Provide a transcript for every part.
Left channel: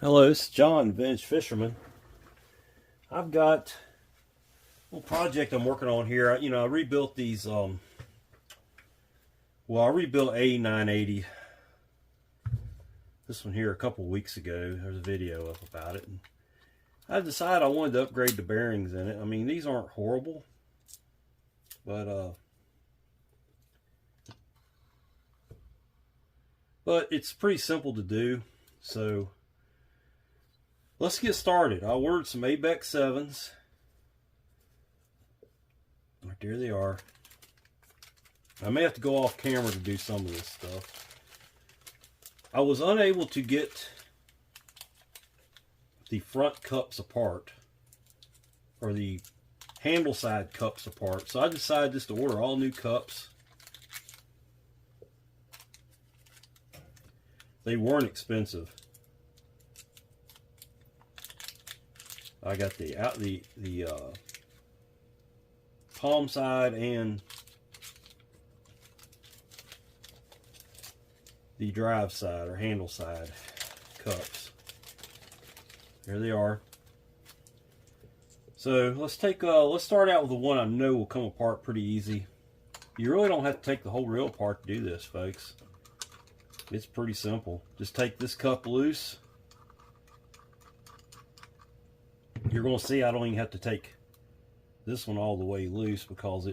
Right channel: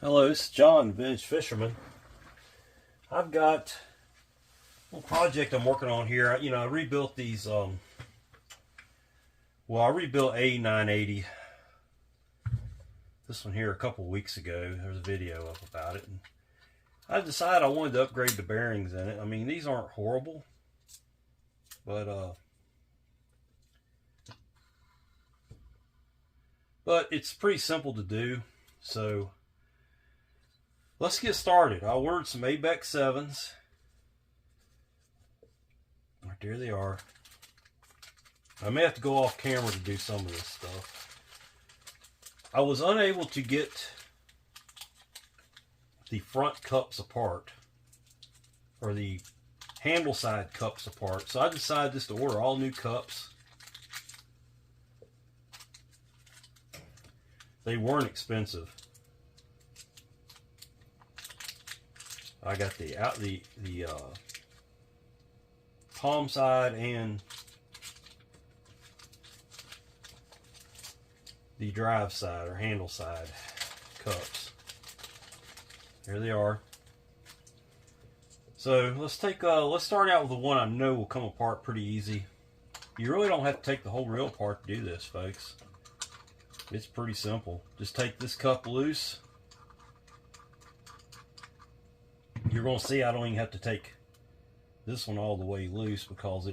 Hello, it's John, Vintage Fisherman. I've got a little project I'm working on here. I rebuilt these, I rebuilt A980. This one here a couple weeks ago. There's a video about it. And I decided I wanted to upgrade the bearings in it. I mean, these aren't horrible, but it's pretty simple to do. So let's get started. I ordered some ABEC 7s. Right there they are. I may have to go off camera to do some of this stuff. I was unable to get the front cups apart, or the handle side cups apart, so I decided just to order all new cups. They weren't expensive. I got the palm side and the drive side or handle side cups. There they are. So let's start out with the one I know will come apart pretty easy. You really don't have to take the whole reel apart to do this, folks. It's pretty simple. Just take this cup loose. You're going to see I don't even have to take this one all the way loose because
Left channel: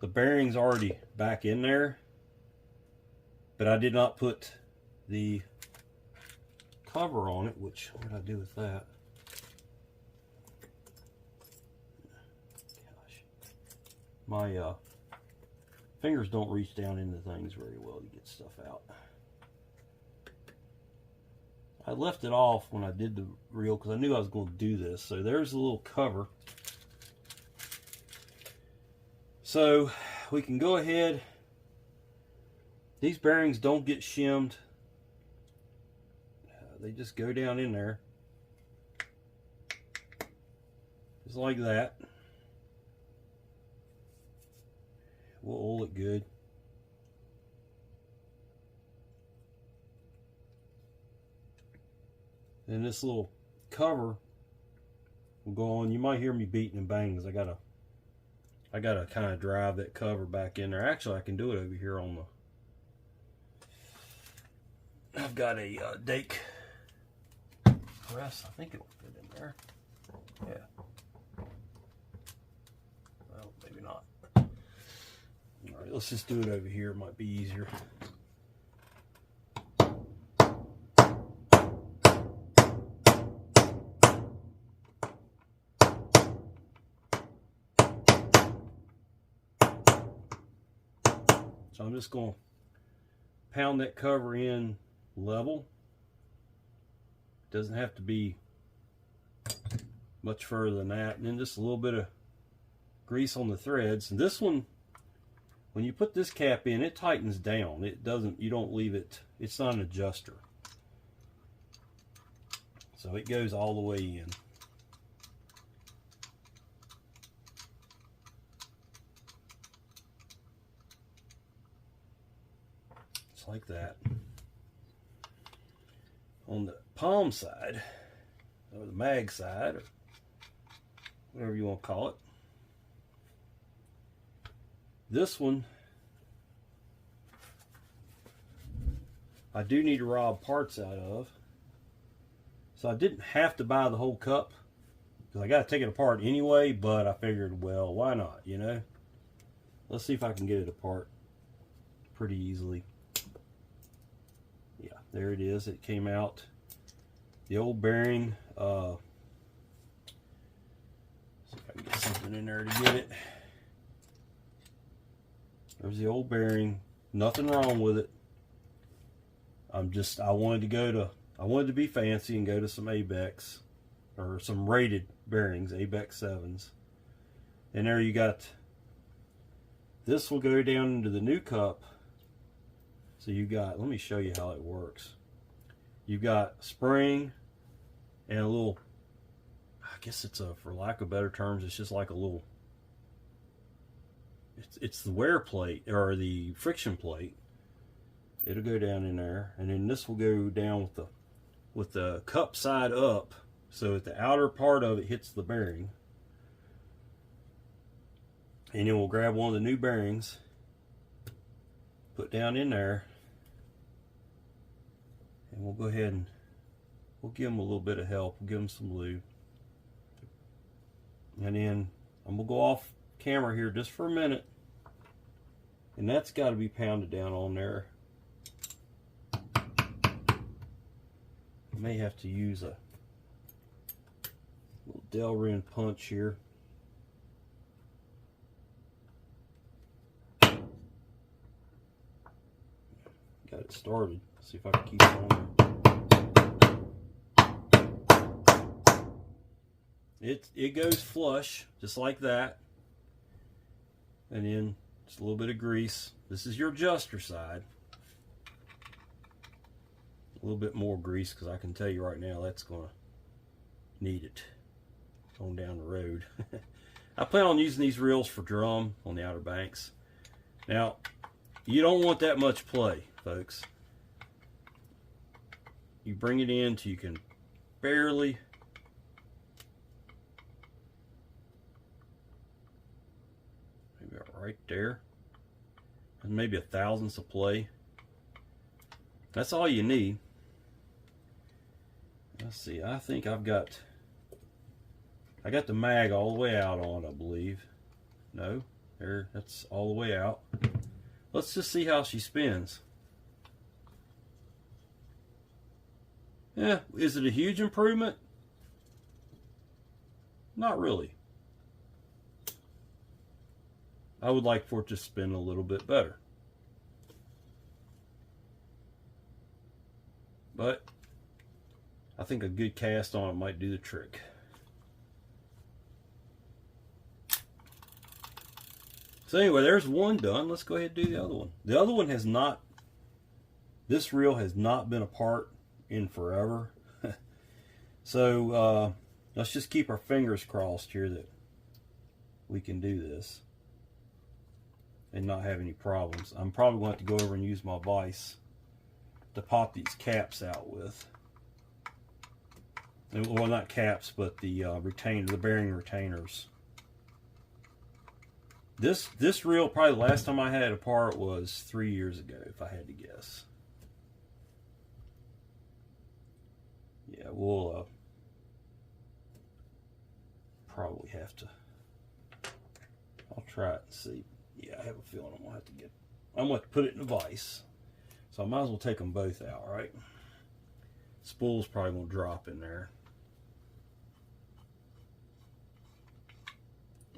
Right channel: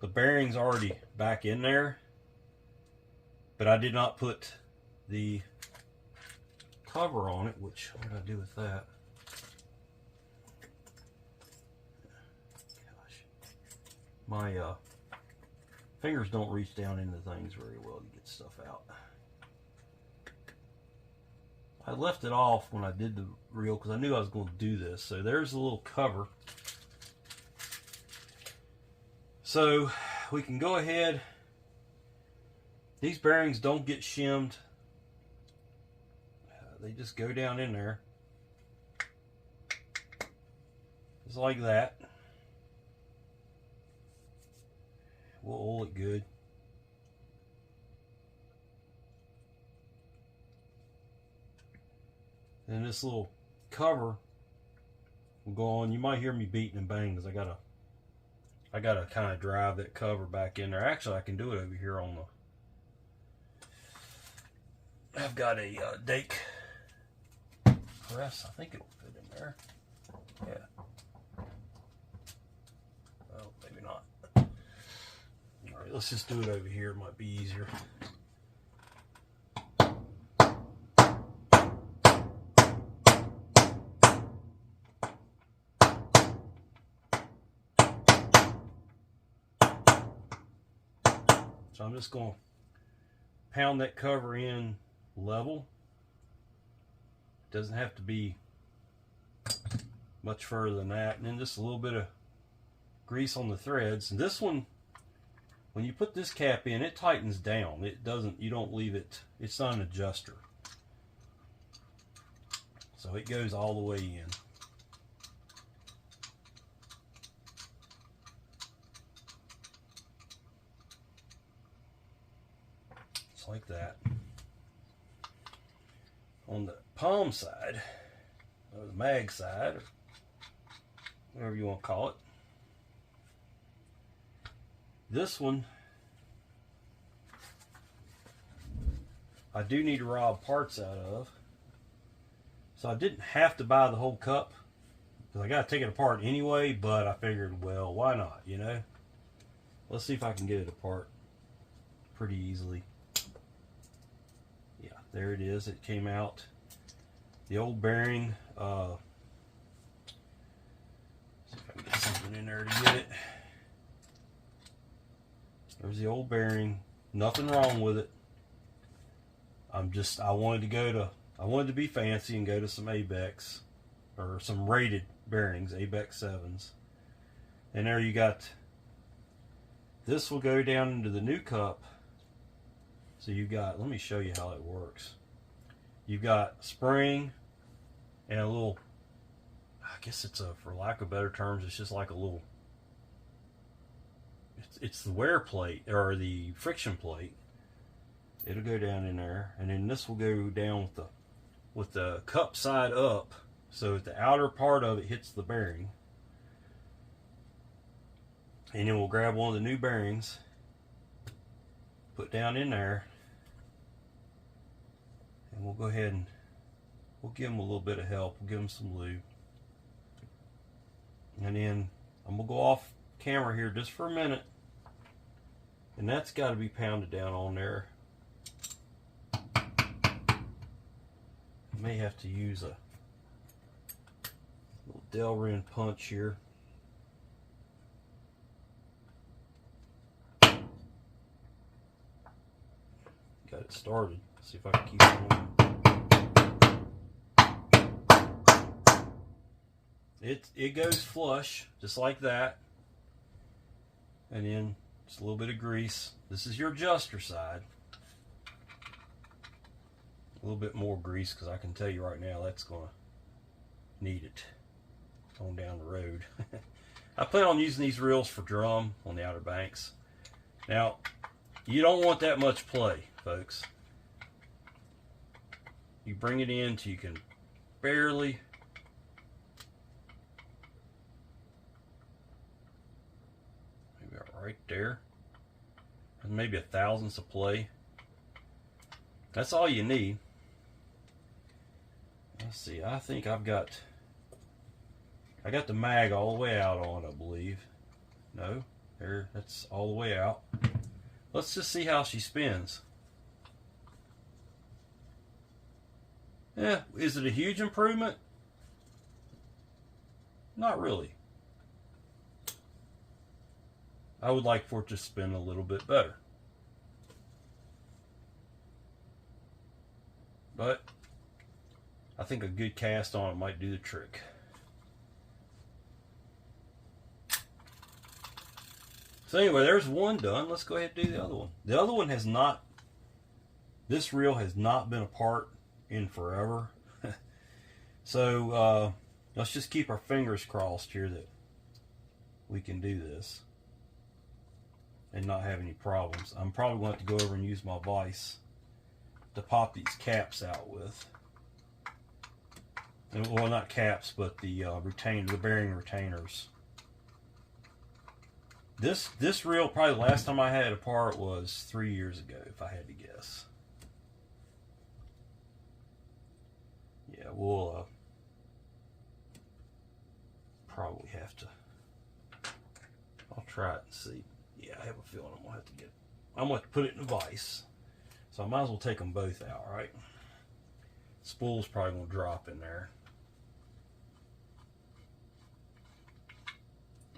the bearing's already back in there. But I did not put the cover on it, which, what did I do with that? Gosh. My fingers don't reach down into things very well to get stuff out. I left it off when I did the reel because I knew I was going to do this. So there's a little cover. So we can go ahead. These bearings don't get shimmed. They just go down in there. Just like that. We'll oil it good. And this little cover will go on. You might hear me beating and banging because I gotta kind of drive that cover back in there. Actually, I can do it over here on the. I've got a Dake press. I think it'll fit in there. Yeah. Well, maybe not. All right, let's just do it over here. It might be easier. So I'm just going to pound that cover in level. Doesn't have to be much further than that. And then just a little bit of grease on the threads. And this one, when you put this cap in, it tightens down. It doesn't, you don't leave it, it's not an adjuster. So it goes all the way in. Like that. On the palm side, or the mag side, or whatever you want to call it, this one I do need to rob parts out of. So I didn't have to buy the whole cup because I got to take it apart anyway, but I figured, well, why not, you know? Let's see if I can get it apart pretty easily. Yeah, there it is. It came out. The old bearing. See if I can get something in there to get it. There's the old bearing. Nothing wrong with it. I wanted to be fancy and go to some ABECs or some rated bearings, ABEC 7s. And there you got. This will go down into the new cup. So you got, let me show you how it works. You've got spring and a little, I guess it's for lack of better terms, it's just like a little, it's the wear plate or the friction plate. It'll go down in there, and then this will go down with with the cup side up, so that the outer part of it hits the bearing. And then we'll grab one of the new bearings, put down in there, and we'll go ahead and we'll give them a little bit of help. We'll give them some lube. And then I'm going to go off camera here just for a minute. And that's got to be pounded down on there. I may have to use a little Delrin punch here. Got it started. See if I can keep it on. It goes flush, just like that. And then just a little bit of grease. This is your adjuster side. A little bit more grease, because I can tell you right now that's going to need it on down the road. I plan on using these reels for drum on the Outer Banks. Now, you don't want that much play, folks. You bring it in till you can barely. Maybe right there. And maybe a thousandths of play. That's all you need. Let's see, I think I got the mag all the way out on, I believe. No, there, that's all the way out. Let's just see how she spins. Yeah, is it a huge improvement? Not really. I would like for it to spin a little bit better. But I think a good cast on it might do the trick. So anyway, there's one done. Let's go ahead and do the other one. The other one has not, this reel has not been apart in forever. So let's just keep our fingers crossed here that we can do this and not have any problems. I'm probably going to have to go over and use my vise to pop these caps out with. Well, not caps, but the retainer, the bearing retainers. This reel, probably the last time I had it apart was 3 years ago, if I had to guess. Yeah, we'll probably have to. I'll try it and see. Yeah, I have a feeling I'm gonna have to put it in a vise. So I might as well take them both out, right? Spool's probably gonna drop in there.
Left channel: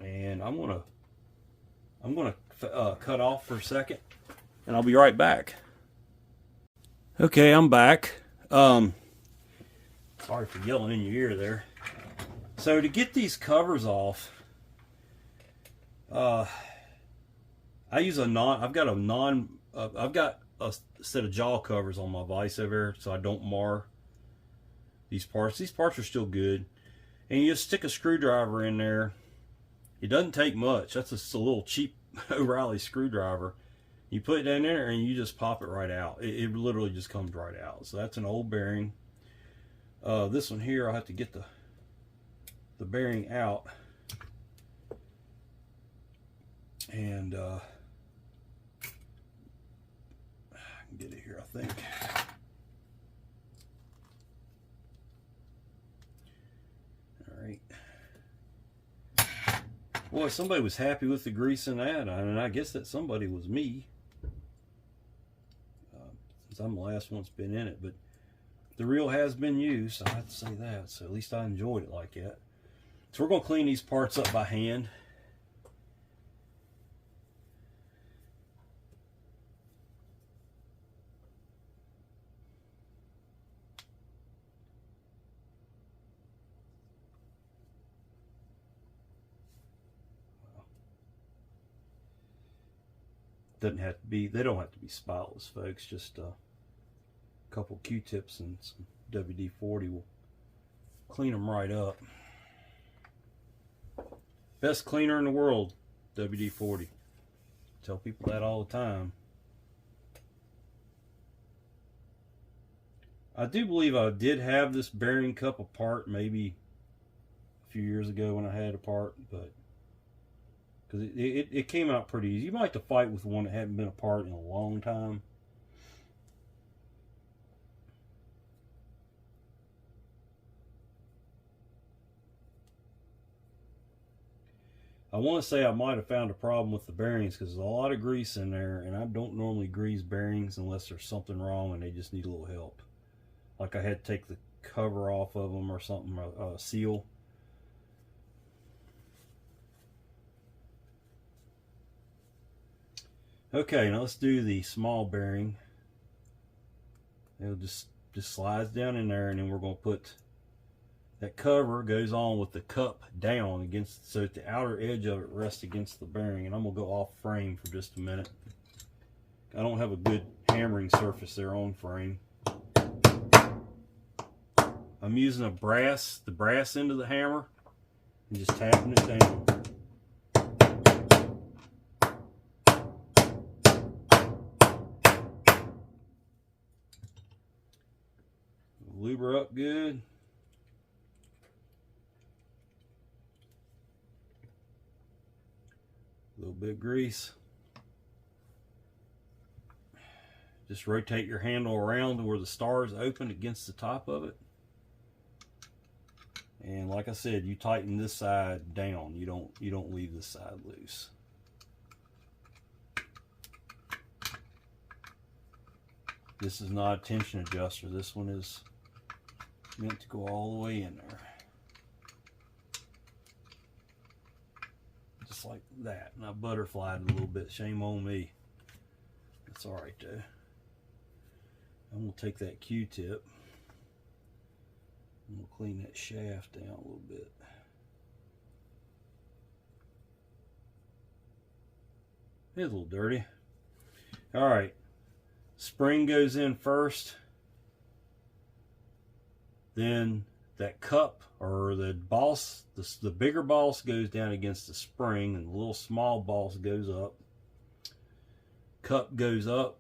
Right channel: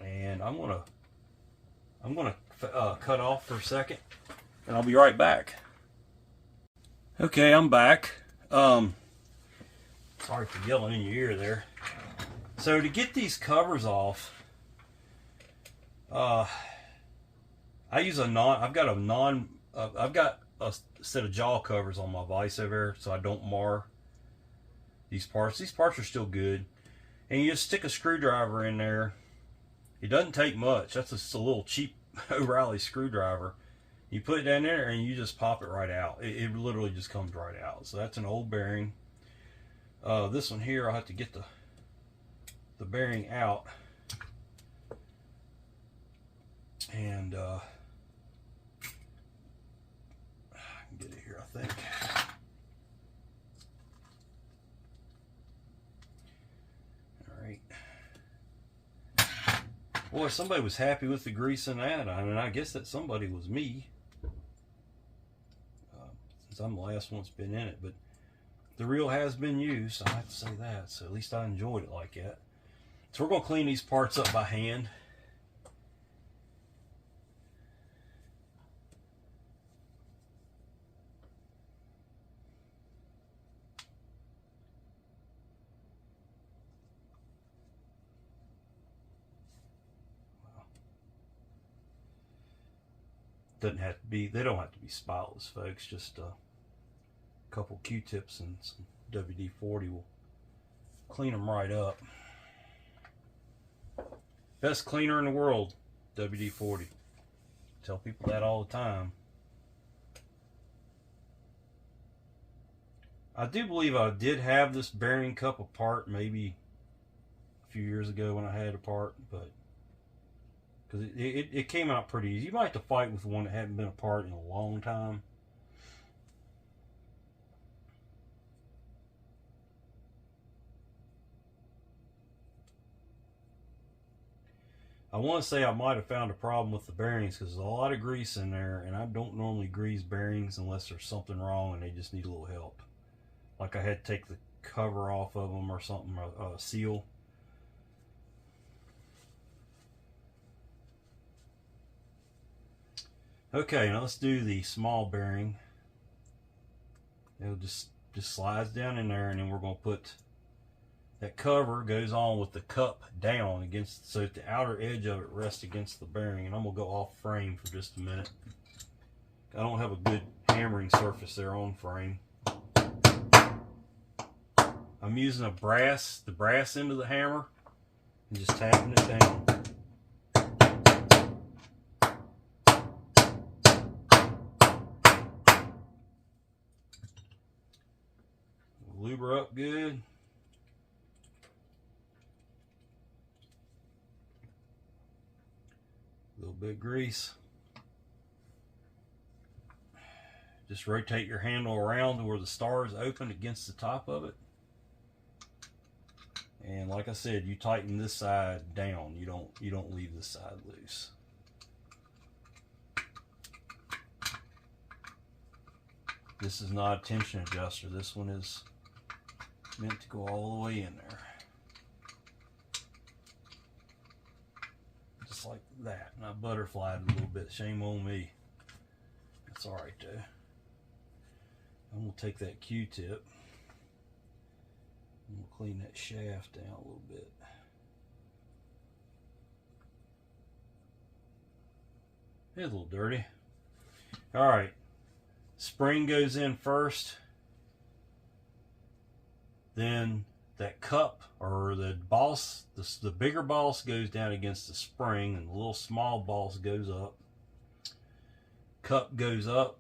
And I'm gonna cut off for a second, and I'll be right back. Okay, I'm back. Sorry for yelling in your ear there. So to get these covers off, I use I've got a set of jaw covers on my vise over there, so I don't mar these parts. These parts are still good, and you just stick a screwdriver in there. It doesn't take much. That's just a little cheap O'Reilly screwdriver. You put it down there and you just pop it right out. It literally just comes right out. So that's an old bearing. This one here, I'll have to get the bearing out. And I can get it here, I think. Boy, somebody was happy with the grease in that. I mean, I guess that somebody was me, since I'm the last one that's been in it. But the reel has been used, I have to say that. So at least I enjoyed it like that. So we're going to clean these parts up by hand. Doesn't have to be, they don't have to be spotless, folks. Just a couple Q-tips and some WD-40 will clean them right up. Best cleaner in the world, WD-40. Tell people that all the time. I do believe I did have this bearing cup apart maybe a few years ago when I had it apart, but because it came out pretty easy. You might have to fight with one that hadn't been apart in a long time. I want to say I might have found a problem with the bearings because there's a lot of grease in there, and I don't normally grease bearings unless there's something wrong and they just need a little help. Like I had to take the cover off of them or something, a seal. Okay, now let's do the small bearing. It'll just slides down in there, and then we're going to put that cover goes on with the cup down against, so that the outer edge of it rests against the bearing. And I'm going to go off frame for just a minute. I don't have a good hammering surface there on frame. I'm using the brass end of the hammer and just tapping it down. Lube her up good. A little bit of grease. Just rotate your handle around to where the star is open against the top of it. And like I said, you tighten this side down. You don't leave this side loose. This is not a tension adjuster. This one is meant to go all the way in there. Just like that. And I butterflied a little bit. Shame on me. That's alright though. I'm going to take that Q-tip. I'm going to clean that shaft down a little bit. It's a little dirty. Alright. Spring goes in first. Then that cup, or the boss, the bigger boss goes down against the spring, and the little small boss goes up. Cup goes up.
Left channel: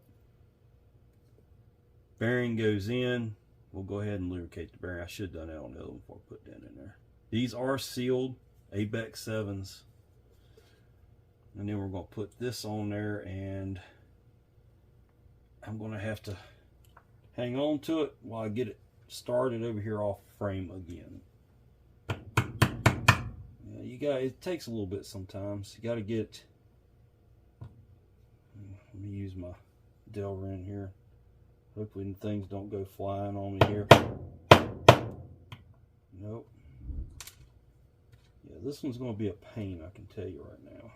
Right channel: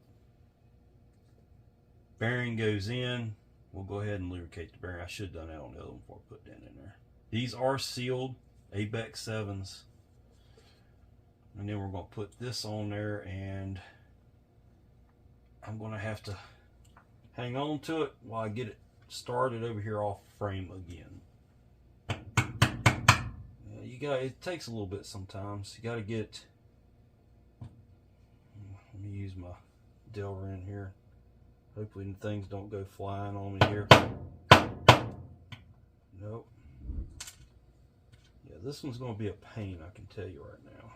Bearing goes in. We'll go ahead and lubricate the bearing. I should have done that on the other one before I put that in there. These are sealed ABEC 7s. And then we're going to put this on there, and I'm going to have to hang on to it while I get it started over here off frame again. It takes a little bit sometimes. You got to get, let me use my Delrin here. Hopefully things don't go flying on me here. Nope. Yeah, this one's going to be a pain, I can tell you right now.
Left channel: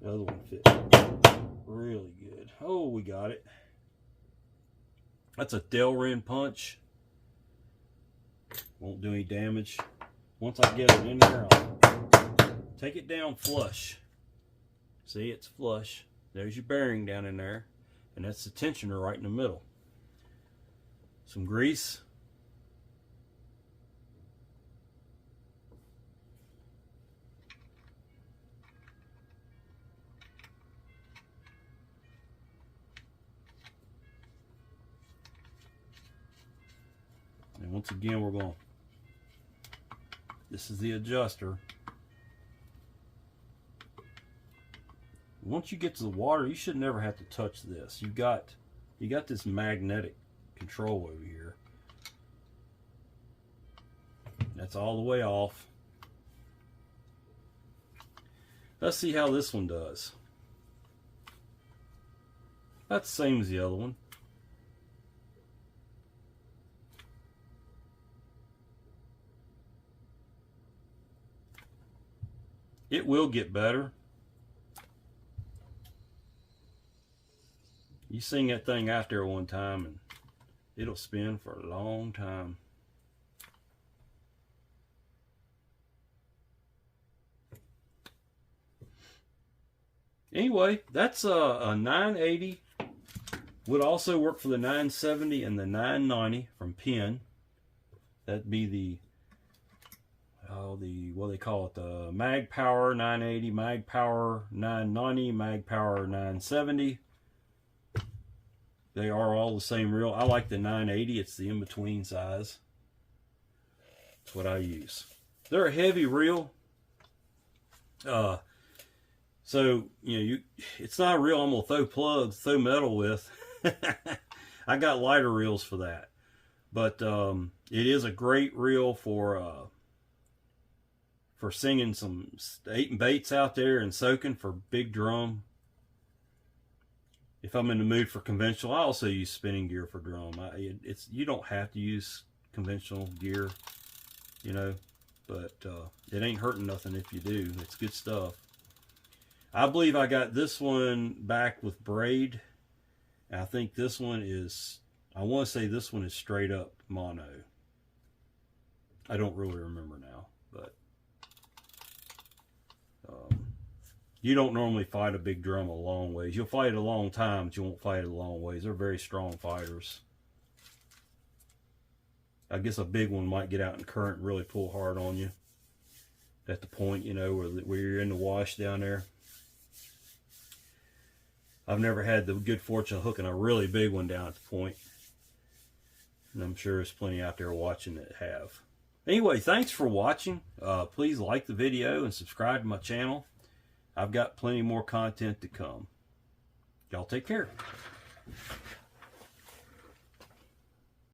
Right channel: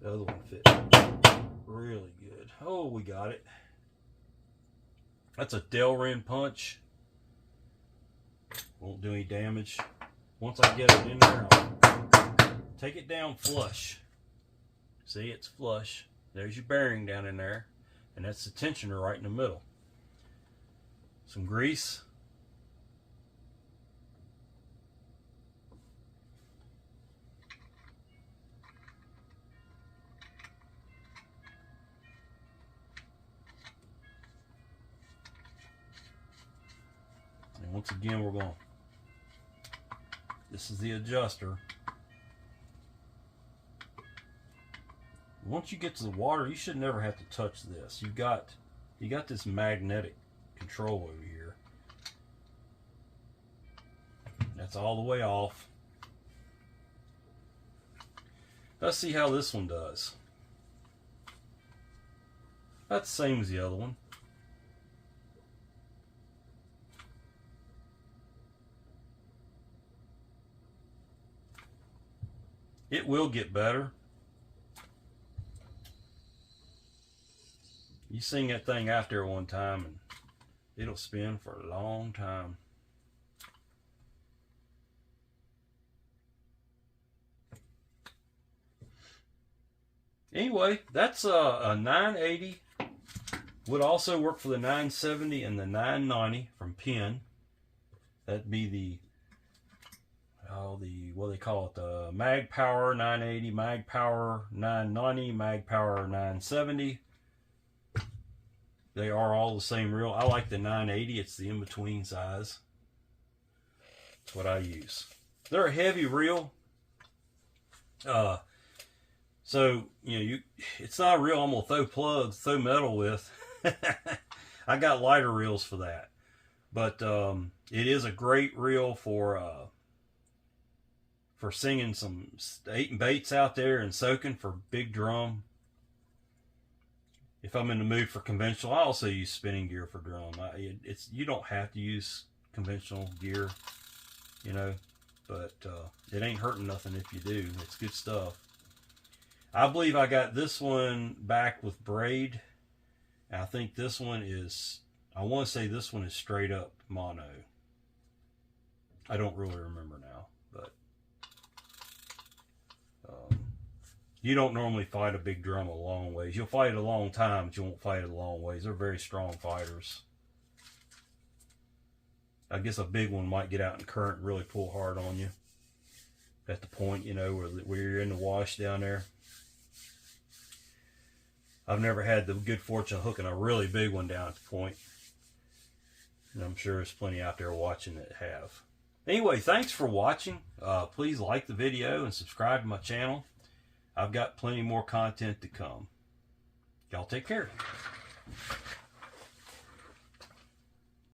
The other one fit really good. Oh, we got it. That's a Delrin punch. Won't do any damage. Once I get it in there, I'll take it down flush. See, it's flush. There's your bearing down in there. And that's the tensioner right in the middle. Some grease. And once again, we're going, this is the adjuster. Once you get to the water, you should never have to touch this. You got this magnetic control over here. That's all the way off. Let's see how this one does. That's the same as the other one. It will get better. You sing that thing out there one time and it'll spin for a long time. Anyway, that's a 980. Would also work for the 970 and the 990 from Penn. That'd be the, what do they call it, the Mag Power 980, Mag Power 990, Mag Power 970. They are all the same reel. I like the 980. It's the in-between size. That's what I use. They're a heavy reel. So, it's not a reel I'm going to throw metal with. I got lighter reels for that. But it is a great reel for singing some 8 baits out there and soaking for big drum. If I'm in the mood for conventional, I also use spinning gear for drum. You don't have to use conventional gear, but it ain't hurting nothing if you do. It's good stuff. I believe I got this one back with braid. And I think this one is, I want to say this one is straight up mono. I don't really remember now, but you don't normally fight a big drum a long ways. You'll fight it a long time, but you won't fight it a long ways. They're very strong fighters. I guess a big one might get out in current and really pull hard on you at the point, where you're in the wash down there. I've never had the good fortune of hooking a really big one down at the point. And I'm sure there's plenty out there watching that have. Anyway, thanks for watching. Please like the video and subscribe to my channel. I've got plenty more content to come. Y'all take care.